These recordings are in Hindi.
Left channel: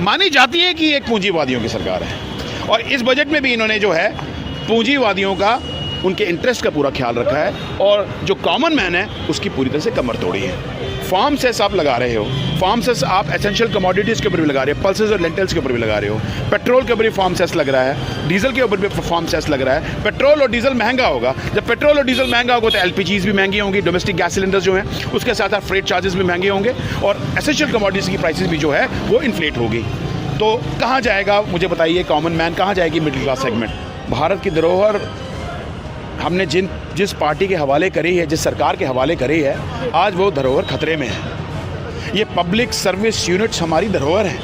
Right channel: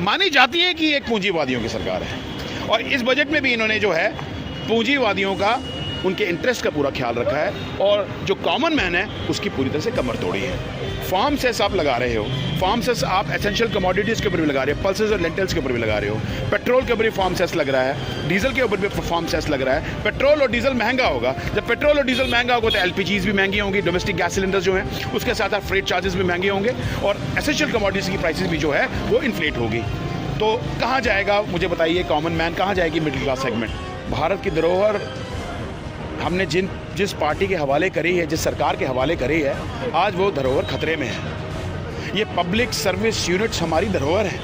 मानी जाती है कि एक पूंजीवादियों की सरकार है और इस बजट में भी इन्होंने जो है पूंजीवादियों का, उनके इंटरेस्ट का पूरा ख्याल रखा है और जो कॉमन मैन है उसकी पूरी तरह से कमर तोड़ी है। फार्म सेस आप लगा रहे हो, फार्म सेस आप एसेंशियल कमोडिटीज़ के ऊपर भी लगा रहे हो, पल्सेस और लेंटल्स के ऊपर भी लगा रहे हो, पेट्रोल के ऊपर भी फार्म सेस लग रहा है, डीजल के ऊपर भी फार्म सेस लग रहा है। पेट्रोल और डीजल महंगा होगा, जब पेट्रोल और डीजल महंगा होगा तो एलपीजीज भी महंगी होंगी, डोमेस्टिक गैस सिलेंडर्स जो हैं उसके साथ साथ फ्रेट चार्जेस भी महंगे होंगे और एसेंशियल कमोडिटीज़ की प्राइसेस भी जो है वो इन्फ्लेट होगी। तो कहाँ जाएगा मुझे बताइए कॉमन मैन, कहाँ जाएगी मिडिल क्लास सेगमेंट? भारत की धरोहर हमने जिस पार्टी के हवाले करी है, जिस सरकार के हवाले करी है, आज वो धरोहर खतरे में है। ये पब्लिक सर्विस यूनिट्स हमारी धरोहर है,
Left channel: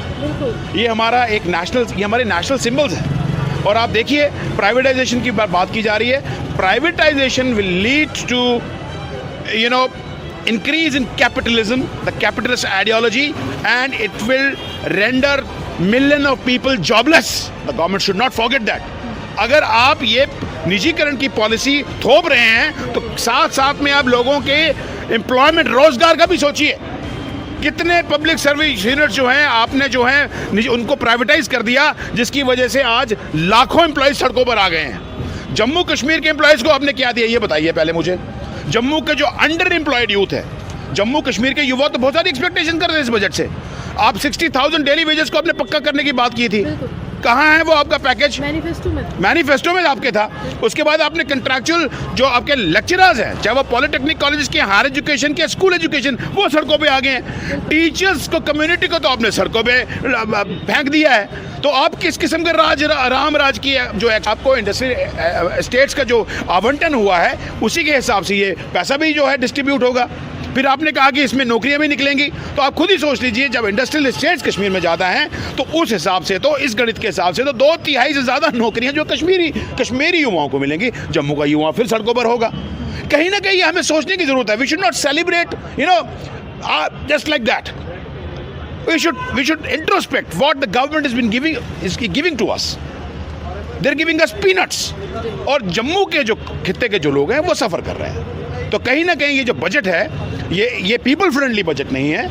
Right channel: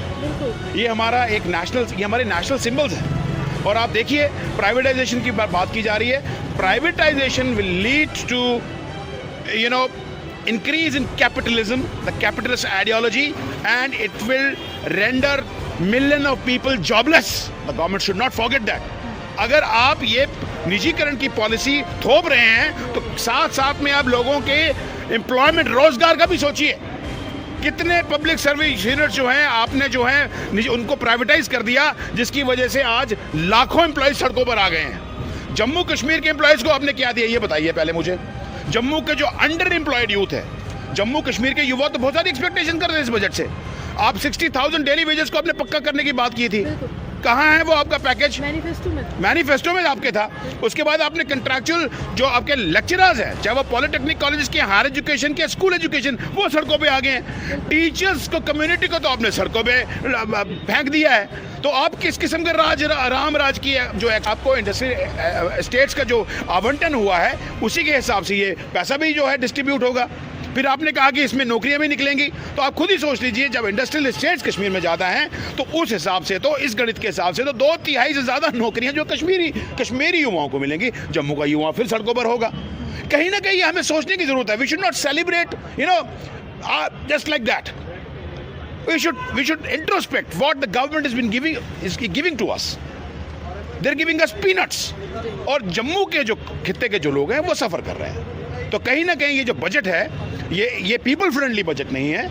ये हमारा एक ये हमारे नेशनल सिंबल्स हैं। और आप देखिए प्राइवेटाइजेशन की बात की जा रही है। Privatisation will lead to increase in capitalism, the capitalist ideology, and it will render million of people jobless. The government should not forget that. अगर आप ये निजीकरण की पॉलिसी थोप रहे हैं तो साथ साथ में आप लोगों के एम्प्लॉयमेंट, रोजगार का भी सोचिए। कितने पब्लिक सर्विस यूनिट जो हैं आपने जो है उनको प्राइवेटाइज कर दिया, जिसकी वजह से आज लाखों एम्प्लॉयज सड़कों पर आ गए हैं। जम्मू कश्मीर के एम्प्लॉयज को आपने क्या दिया ये बताइए पहले मुझे। जम्मू के जो अंडर एम्प्लॉयड यूथ है, जम्मू कश्मीर के युवा तो बहुत सारी एक्सपेक्टेशन कर रहे हैं इस बजट से। आप 60,000 डेली वेजेस को आपने पक्का करने की बात की थी, कहाँ है वो आपका पैकेज? मैनिफेस्टो में आपके था। उसके बाद आपने कंट्रैक्चुअल जो आपके लेक्चरर्स हैं, चाहे वो पॉलिटेक्निक कॉलेज के, हायर एजुकेशन के, स्कूल एजुकेशन, वो सड़कों पे आ गए हैं। टीचर्स को, कम्युनिटी को तो आपने सड़कों पे फेंक दिया है। तो आप किस किस्म का राम राज की जो है आपको इंडस्ट्रियल स्टेट्स का जो आवंटन हुआ है उसी के हिसाब से ये पैसा भी जो है डिस्ट्रीब्यूट होगा। फिर आपने कहा कि इसमें नौकरियां भी निकलेंगी, तो आप खुद ही सोच लीजिए जब इंडस्ट्रियल स्टेट्स कश्मीर में ज़्यादा हैं तो उस हिसाब से, तो इस गणित के हिसाब से तो 2/3 से ज़्यादा नौकरियां जो कश्मीरी युवाओं को मिलेंगी। जम्मू का युवा फिर सड़कों पर होगा। कहीं ना कहीं हमें सोचने की जरूरत है। We should not celebrate just like that. We should introspect what the government has been giving to us. They're giving us peanuts. और जम्मू के जो खित्ते के जो लोग हैं वो सफ़र कर रहे हैं। तो कहीं ना कहीं ये जो बजट है ये पीपल फ्रेंडली बजट नहीं है।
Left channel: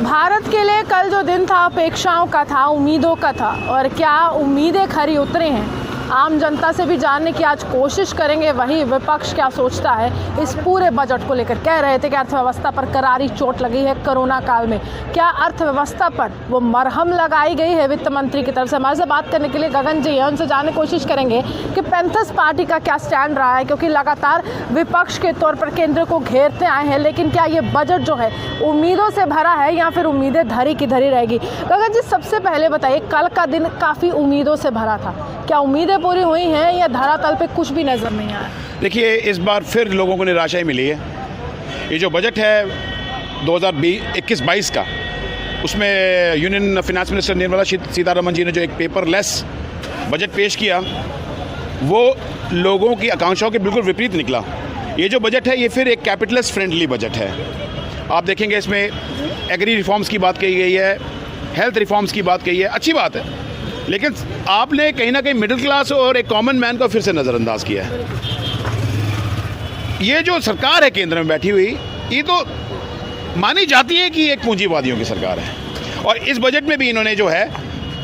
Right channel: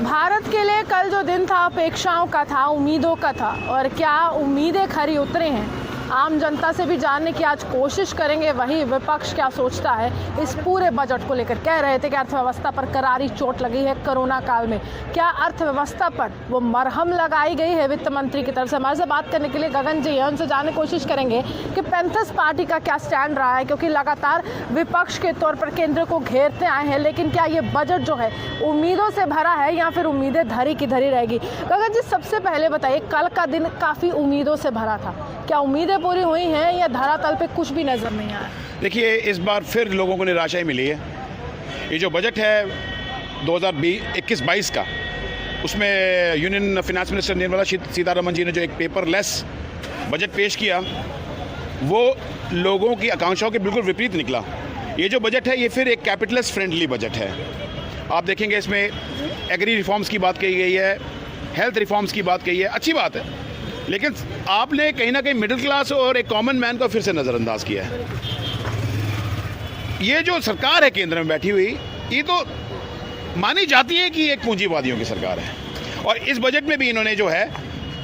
भारत के लिए कल जो दिन था अपेक्षाओं का था, उम्मीदों का था, और क्या उम्मीदें खरी उतरी हैं आम जनता से भी जानने की आज कोशिश करेंगे। वही विपक्ष क्या सोचता है इस पूरे बजट को लेकर। कह रहे थे कि अर्थव्यवस्था पर करारी चोट लगी है कोरोना काल में, क्या अर्थव्यवस्था पर वो मरहम लगाई गई है वित्त मंत्री की तरफ से? हमारे से बात करने के लिए गगन जी हैं, उनसे जानने की कोशिश करेंगे कि पैंथर्स पार्टी का क्या स्टैंड रहा है, क्योंकि लगातार विपक्ष के तौर पर केंद्र को घेरते आए हैं। लेकिन क्या ये बजट जो है उम्मीदों से भरा है या फिर उम्मीदें धरी की धरी रहेगी? गगन जी सबसे पहले बताइए, कल का दिन काफ़ी उम्मीदों से भरा था, क्या उम्मीदें पूरी हुई हैं या धरातल पे कुछ भी नजर नहीं आया? देखिए इस बार फिर लोगों को निराशा ही मिली है। ये जो बजट है 2021-22 का, उसमें union finance minister Nirmala Sitharaman ji ने जो एक पेपरलेस बजट पेश किया वो लोगों की आकांक्षाओं के बिल्कुल विपरीत निकला। ये जो बजट है ये फिर एक कैपिटलिस्ट फ्रेंडली बजट है। आप देखेंगे इसमें एग्री रिफॉर्म्स की बात कही गई है, हेल्थ रिफॉर्म्स की बात कही है, अच्छी बात है, लेकिन आपने कहीं ना कहीं मिडिल क्लास और एक कॉमन मैन को फिर से नज़रअंदाज किया है। ये जो सरकार है केंद्र में बैठी हुई, ये तो मानी जाती है कि एक पूंजीवादियों की सरकार है और इस बजट में भी इन्होंने जो है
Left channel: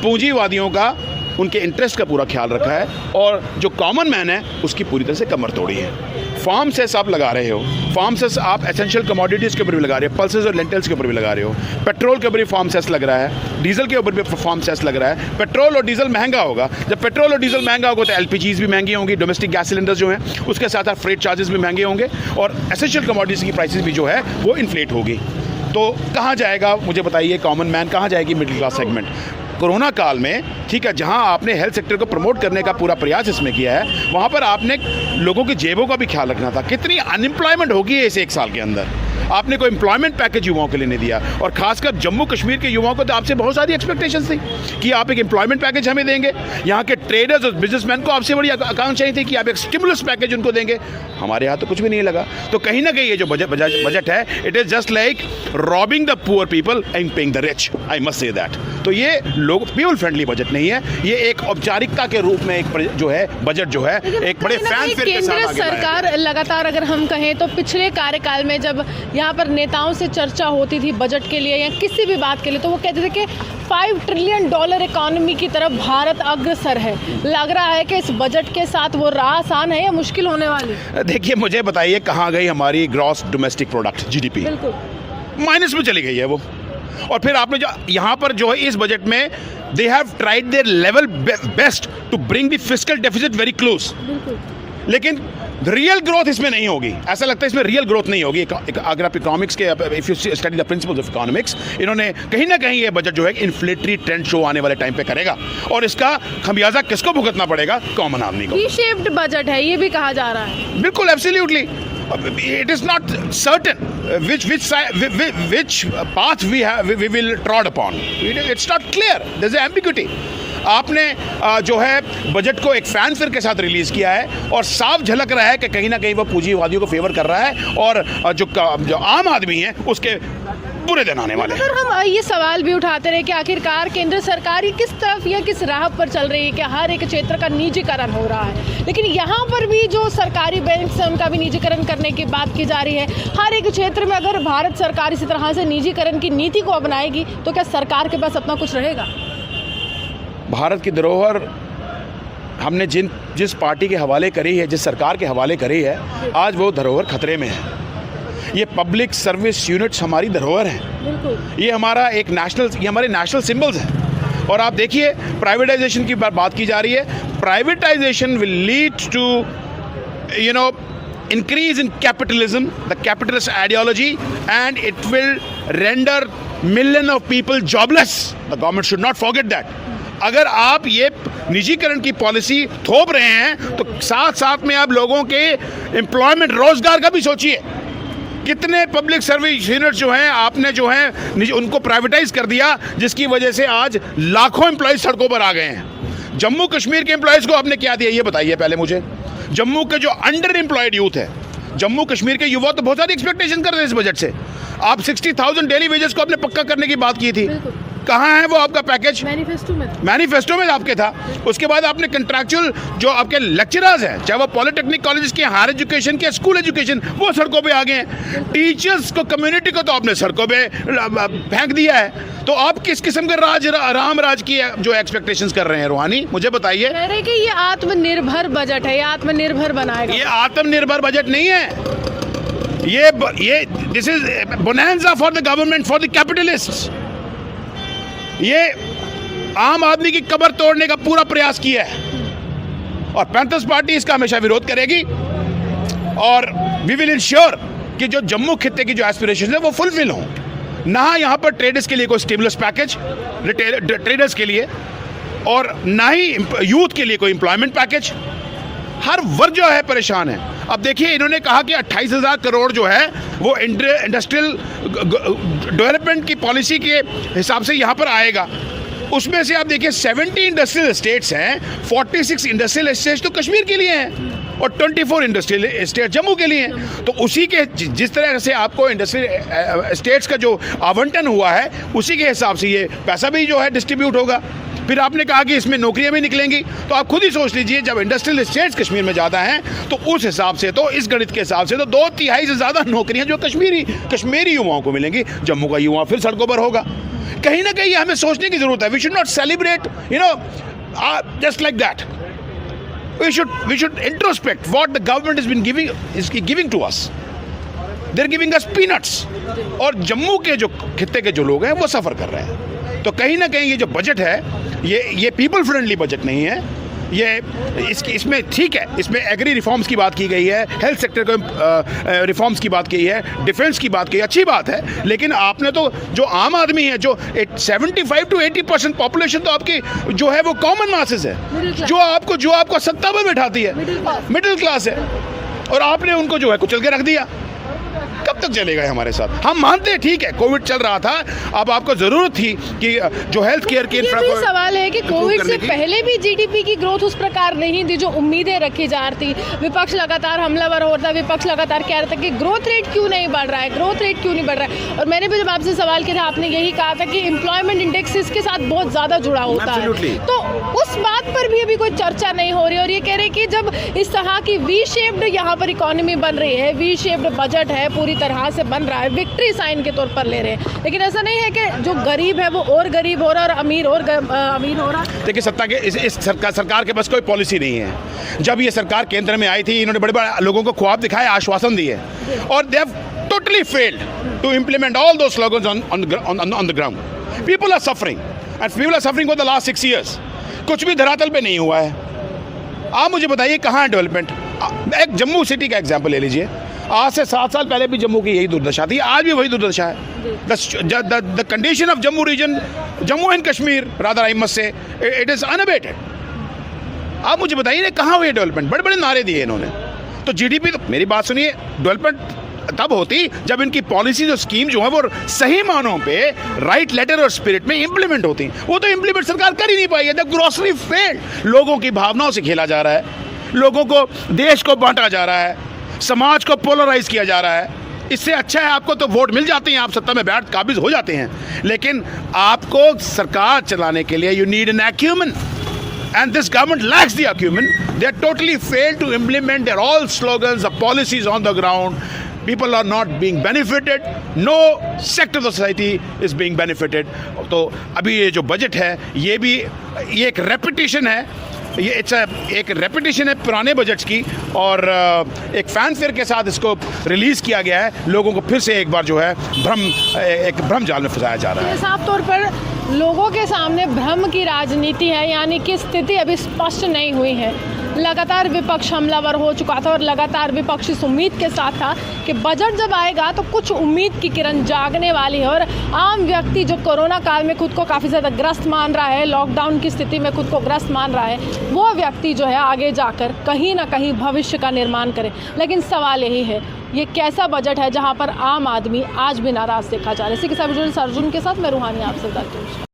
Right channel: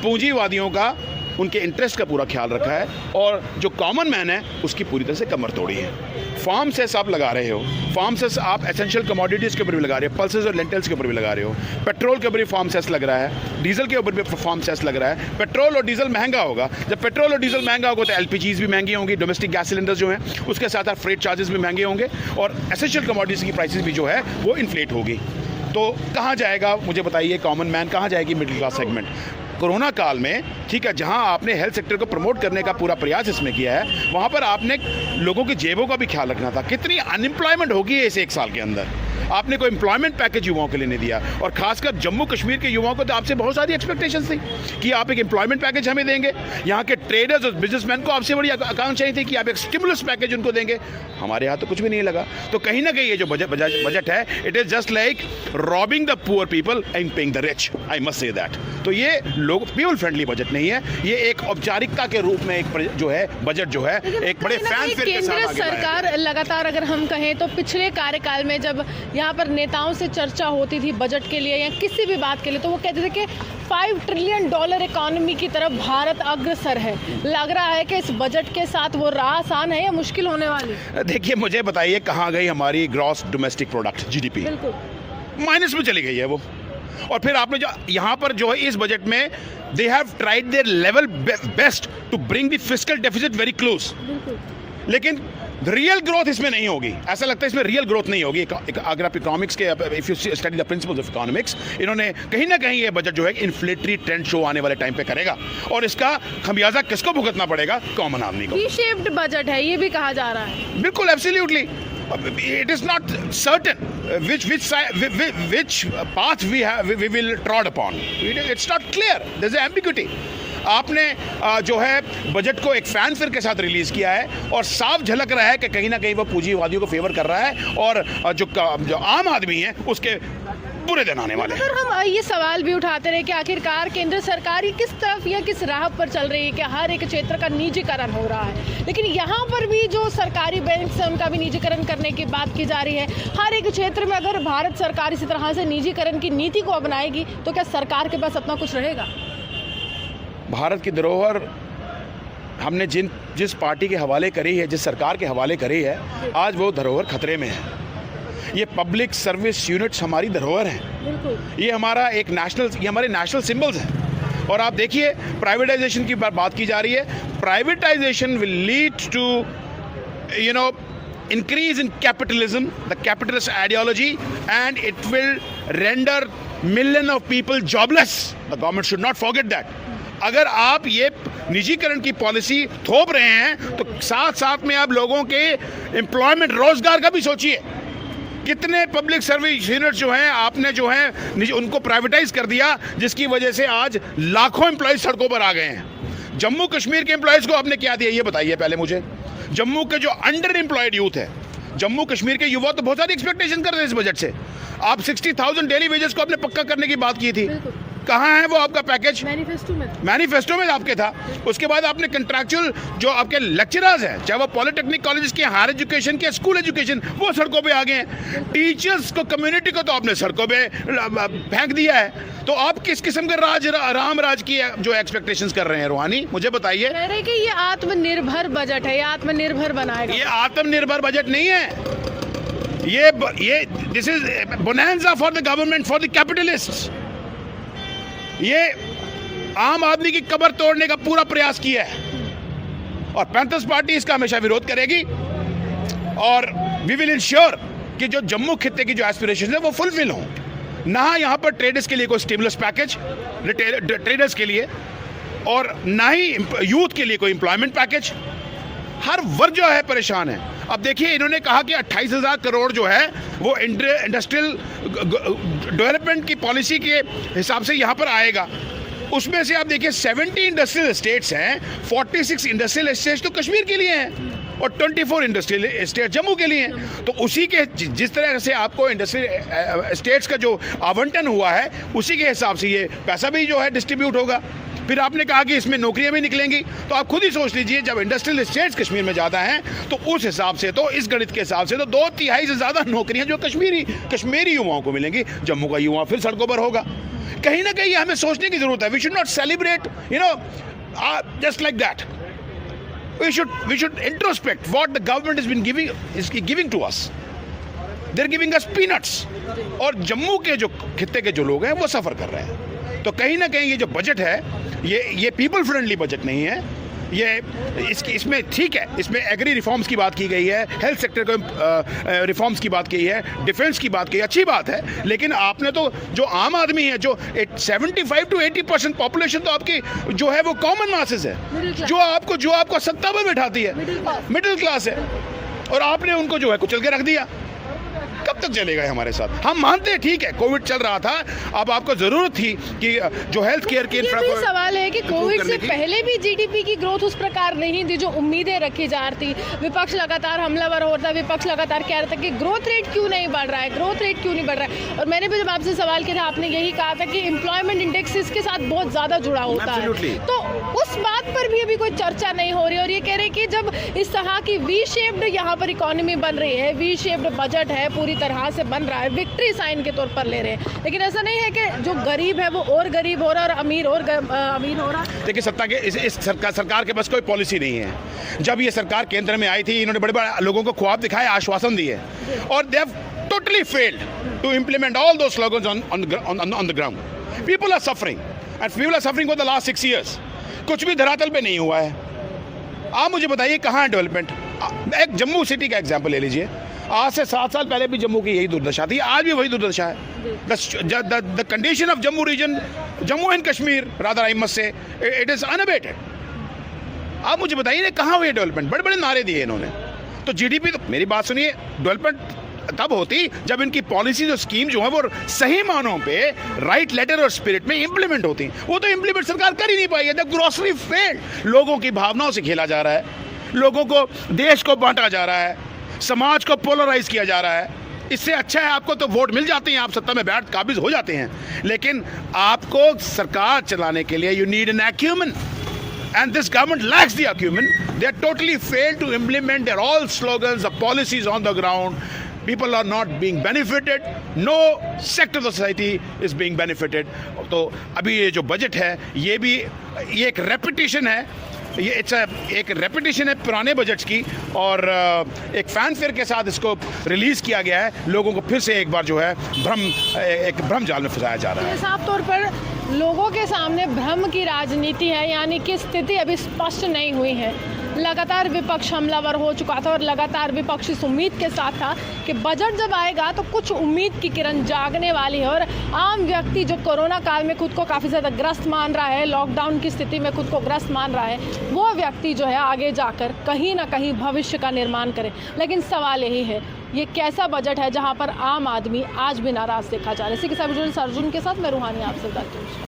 पूंजीवादियों का, उनके इंटरेस्ट का पूरा ख्याल रखा है और जो कॉमन मैन है उसकी पूरी तरह से कमर तोड़ी है। फार्म सेस आप लगा रहे हो, फार्म सेस आप एसेंशियल कमोडिटीज़ के ऊपर भी लगा रहे हो, पल्सेस और लेंटल्स के ऊपर भी लगा रहे हो, पेट्रोल के ऊपर भी फार्म सेस लग रहा है, डीजल के ऊपर भी फार्म सेस लग रहा है। पेट्रोल और डीजल महंगा होगा, जब पेट्रोल और डीजल महंगा होगा तो एलपीजीज भी महंगी होंगी, डोमेस्टिक गैस सिलेंडर्स जो हैं उसके साथ साथ फ्रेट चार्जेस भी महंगे होंगे और एसेंशियल कमोडिटीज़ की प्राइसेस भी जो है वो इन्फ्लेट होगी। तो कहाँ जाएगा मुझे बताइए कॉमन मैन, कहाँ जाएगी मिडिल क्लास सेगमेंट? कोरोना काल में ठीक है, जहां आपने हेल्थ सेक्टर को प्रमोट करने का पूरा प्रयास इसमें किया है, वहां पर आपने लोगों की जेबों का भी ख्याल रखना था। कितनी अनएम्प्लॉयमेंट होगी इस 1 साल के अंदर? आपने कोई एम्प्लॉयमेंट पैकेज युवाओं के लिए नहीं दिया और खासकर जम्मू कश्मीर के युवाओं को तो आपसे बहुत सारी एक्सपेक्टेशंस थी कि आप एक एम्प्लॉयमेंट पैकेज हमें देंगे। यहाँ के ट्रेडर्स और बिजनेसमैन को आपसे बड़ी आकांक्षाएं थी कि आप एक स्टिमुलस पैकेज उनको देंगे। हमारे यहाँ तो कुछ भी नहीं लगा। तो कहीं ना कहीं ये जो बजट है, it is just like robbing the poor people and paying the rich, I must say that. तो ये लोग पीपल फ्रेंडली बजट नहीं है, ये एक औपचारिकता के रूप में एक जो है बजट जो है एक बड़े फैन केंद्र सरकार लगातार, अगर हम कहें तो पिछले कार्यकाल में जब यहाँ पर नेताओं से चर्चा होती थी बजट के लिए या किसी भी बात के लिए, तो वो कहते थे कि $5 ट्रिलियन इकोनॉमी की तरफ भारत अग्रसर है। लग रहा है कि इस बजट के साथ वो राह आसान है या मुश्किल होने वाली? देखिए, मुझे बताइए कहाँ गई हमारी ग्रॉस डोमेस्टिक प्रोडक्ट GDP? बिल्कुल माइनस में चली गई है वो। और फिर आपने जो यहाँ पर जो है इस बजट में they have tried their level best to bring the fiscal deficit very close, लेकिन रियल ग्रोथ इसमें नहीं होगी। ऐसा लगता है इसमें रियल ग्रोथ नहीं होगी। अगर आप इकोनॉमिक्स के if you study the principles of economics, इन्होंने कहीं ना कहीं ये बजट जो है इन्फ्लेटरी ट्रेंड शो आने वाले टाइम पे करेगा, और इसका खमियाजा किसको भुगतना पड़ेगा? कॉमन आदमी को। री-शेप्ड बजट है ये भी कहा जा रहा है। बिल्कुल, absolutely. It is not certain which path we will trod upon. It's not clear. There's an ambiguity. आपने जो है बजट को एक फैनफेयर के साथ रिलीज किया है और साफ झलक रहा है कि कहीं ना कहीं वो पूंजीवादियों को फेवर कर रहा है और जो आम आदमी है उसके बुरे दिन आने वाले हैं। अगर हम ये सवाल भी उठाते रहे कि आखिरकार केंद्र सरकार किस तरफ या किस राह पर चल रही है कि हर एक क्षेत्र का निजीकरण हो रहा है, लेकिन यहाँ पर भी जो सरकारी बैंक है उनका भी निजीकरण करने की बात की जा रही है। हर एक क्षेत्र में अगर भारत सरकार इसी तरह से निजीकरण की नीति को अपनाएगी तो क्या सरकार के पास अपना कुछ रहेगा? भारत की धरोहर हमने जिस पार्टी के हवाले करी है, जिस सरकार के हवाले करी है, आज वो धरोहर खतरे में है। ये पब्लिक सर्विस यूनिट्स हमारी धरोहर हैं। ये हमारे नेशनल सिंबल्स हैं। और आप देखिए, प्राइवेटाइजेशन की बात की जा रही है। Privatisation will lead to increase in capitalism, the capitalist ideology, and it will render millions of people jobless. The government should not forget that. अगर आप ये निजीकरण की पॉलिसी थोप रहे हैं तो साथ साथ में आप लोगों के एम्प्लॉयमेंट, रोजगार का भी सोचिए। कितने पब्लिक सर्विस यूनिट जो हैं आपने जो है उनको प्राइवेटाइज कर दिया, जिसकी वजह से आज लाखों एम्प्लॉयज सड़कों पर आ गए हैं। जम्मू कश्मीर के एम्प्लॉयज को आपने क्या दिया ये बताइए पहले मुझे। जम्मू के जो अंडर एम्प्लॉयड यूथ है, जम्मू कश्मीर के युवा तो बहुत सारी एक्सपेक्टेशन कर रहे हैं इस बजट से। आप 60,000 डेली वेजेस को आपने पक्का करने की बात की थी, कहाँ है वो आपका पैकेज? मैनिफेस्टो में आपके था। उसके बाद आपने कंट्रैक्चुअल जो आपके लेक्चरर्स हैं, चाहे वो पॉलिटेक्निक कॉलेज के, हायर एजुकेशन के, स्कूल एजुकेशन, वो सड़कों पे आ गए हैं। टीचर्स को, कम्युनिटी को तो आपने सड़कों पे फेंक दिया है। तो आप किस किस्म का राम राज की जो एक्सपेक्टेशंस कर रहे हैं रूहानी, मुझे बताइए। कह रहे कि ये आत्मनिर्भर बजट है, ये आत्मनिर्भर बनाएगा। ये आत्मनिर्भर बजट नहीं है, ये this is bonanza for the government, for the capitalists. ये आम आदमी की कब्र तोड़ने का पूरा प्रयास किया है और पैंथर्स पार्टी इसका हमेशा विरोध करेगी। और वी विल इंश्योर कि जो जम्मू खित्ते की जो एस्पिरेशन है वो फुलफिल हों। ना यहाँ पर ट्रेडर्स के लिए कोई स्टिमुलस पैकेज ट्रेडर्स के लिए, और ना ही यूथ के लिए कोई एम्प्लॉयमेंट पैकेज। हर वर्ग जो है परेशान है। अब देखिए, इन्होंने कहा कि 28,000 करोड़ जो है वो इंडस्ट्रियल डेवलपमेंट की पॉलिसी के हिसाब से यहाँ पर आएगा। उसमें से आप देखिए 70 इंडस्ट्रियल एस्टेट्स हैं, 46 इंडस्ट्रियल एस्टेट्स तो कश्मीर के लिए हैं और 24 इंडस्ट्रियल एस्टेट जम्मू के लिए हैं। तो उसी के जिस तरह से आपको इंडस्ट्रियल एस्टेट्स का जो आवंटन हुआ है उसी के हिसाब से ये पैसा भी जो है डिस्ट्रीब्यूट होगा। फिर आपने कहा कि इसमें नौकरियां भी निकलेंगी, तो आप खुद ही सोच लीजिए, जब इंडस्ट्रियल एस्टेट्स कश्मीर में ज़्यादा हैं तो उस हिसाब से, तो इस गणित के हिसाब से तो 2/3 से ज़्यादा नौकरियां जो कश्मीरी युवाओं को मिलेंगी। जम्मू का युवा फिर सड़कों पर होगा। कहीं ना कहीं हमें सोचने की जरूरत है। We should not celebrate just like that. We should introspect what the government is giving to us. They're giving us peanuts. और जम्मू के जो खित्ते के जो लोग हैं वो सफ़र कर रहे हैं। तो कहीं ना कहीं ये जो बजट है ये पीपल फ्रेंडली बजट नहीं है। ये इसमें ठीक है, इसमें एग्री रिफॉर्म्स की बात की गई है, हेल्थ सेक्टर को रिफॉर्म्स की बात की है, डिफेंस की बात की है, अच्छी बात है। लेकिन आपने तो जो आम आदमी है, जो 75 to 80% पॉपुलेशन तो आपकी जो है वो कॉमन मासेस है, जो आपको सत्ता पर बैठाती है, मिडिल क्लास है, और आपने उनको जो है कुचल के रख दिया। कब तक चलेगा हमारे साथ? हम मानते हैं ठीक है कोविड चल रहा था, अब आपको जरूरत थी कि जो हेल्थ केयर की सवाल है कि कोविड से पहले भी जीडीपी की ग्रोथ उस प्रकार नहीं थी जो उम्मीदें रखी जा रही थी। विपक्ष लगातार हमलावर हो रहा था, विपक्ष लगातार कह रहा था कि ग्रोथ रेट क्यों नहीं बढ़ रहा है, ग्रोथ रेट क्यों नहीं बढ़ रहा है। और मैंने भी जब आपसे सवाल किया था, आपने यही कहा था कि एम्प्लॉयमेंट इंडेक्स इसके साथ बहुत ज्यादा जुड़ा होता है। तो उस बात पर भी अभी कोई चर्चा नहीं हो रही। और ये कह रहे कि जब इस तरह की वी शेप्ड यहाँ पर इकोनॉमी बन रही है, वी शेप्ड बजट है, पूरी पूरी तरह से बन रहा है, विक्ट्री साइन के तौर पर ले रहे हैं। लेकिन ऐसा नहीं है कि जो गरीब है वो और गरीब हो रहा है और अमीर और अमीर हो रहा है। देखिए, सत्ता के इस सरकार के पास कोई पॉलिसी नहीं है। जब ये सरकार केंद्र में आई थी, इन्होंने बड़े बड़े लोगों को ख्वाब दिखाए, आश्वासन दिए, और they have totally failed to implement all those slogans on the ground. People are suffering and people are suffering for the last 6 years। कुछ भी धरातल पे नहीं हुआ है। आप मुझे बताइए कहाँ है डेवलपमेंट? एक जम्मू सिटी का एग्जाम्पल ले लीजिए। आज से 7 साल पहले भी जम्मू की यही दुर्दशा थी, आज भी वही दुर्दशा है। The condition of Jammu region, Jammu and Kashmir rather, I must say, it is unabated. आप मुझे बताइए कहाँ हुई डेवलपमेंट? बड़े बड़े नारे दिए इन्होंने। तो जीडीपी, तो मेरी बात सुनिए, डेवलपमेंट तब होती जब इनकी पॉलिसी जो स्कीम जो है वो सही मानों पे राइट लेटर और स्पिरिट में इंप्लीमेंट होती। वो तो इंप्लीमेंट सरकार कर ही नहीं पाई है। The grocery failed. लोगों की भावनाओं से खेला जा रहा है, लोगों को, देश को बांटा जा रहा है, समाज को पोलराइज किया जा रहा है। इससे अच्छा है आपको तो वोट मिल जाते हैं, आप सत्ता में बैठ काबिज हो जाते हैं, लेकिन आपको सरकार चलाने के लिए you need an acumen, and this government lacks the acumen. They are totally failed to implement their all slogans, the policies on the ground. People are not being benefited. No sector of the society is being benefited. तो अभी ये जो बजट है ये एक रेपिटेशन है, ये एक रेपिटेशन है पुराने बजट्स की, और एक फैनफेयर के साथ इसको रिलीज किया गया है। लोगों को फिर से एक बार जो है एक भ्रम जाल में फंसाया जा रहा है। साफ तौर पर लोगों के सामने भ्रम की राजनीति है, यानी कि स्थिति अभी स्पष्ट नहीं हुई है। लगातार विपक्ष हमलावर हो चुका था और लगातार विपक्ष इस उम्मीद के साथ था कि बजट जब आएगा तो कुछ उम्मीद की किरण जागने वाली है, और आम व्यक्ति जो कोरोना काल में खुद को काफ़ी ज़्यादा ग्रस्त मान रहा है, लॉकडाउन की स्थिति में खुद को ग्रस्त मान रहा है, वो व्यक्ति जो है आगे जाकर कहीं ना कहीं भविष्य का निर्माण करे। लेकिन सवाल यही है, ये कैसा बजट है जहाँ पर आम आदमी आज भी नाराज़ देखा जा रहा है। इसी के साथ अर्जुन के साथ मैं रूहानी आपसे बात करूँ।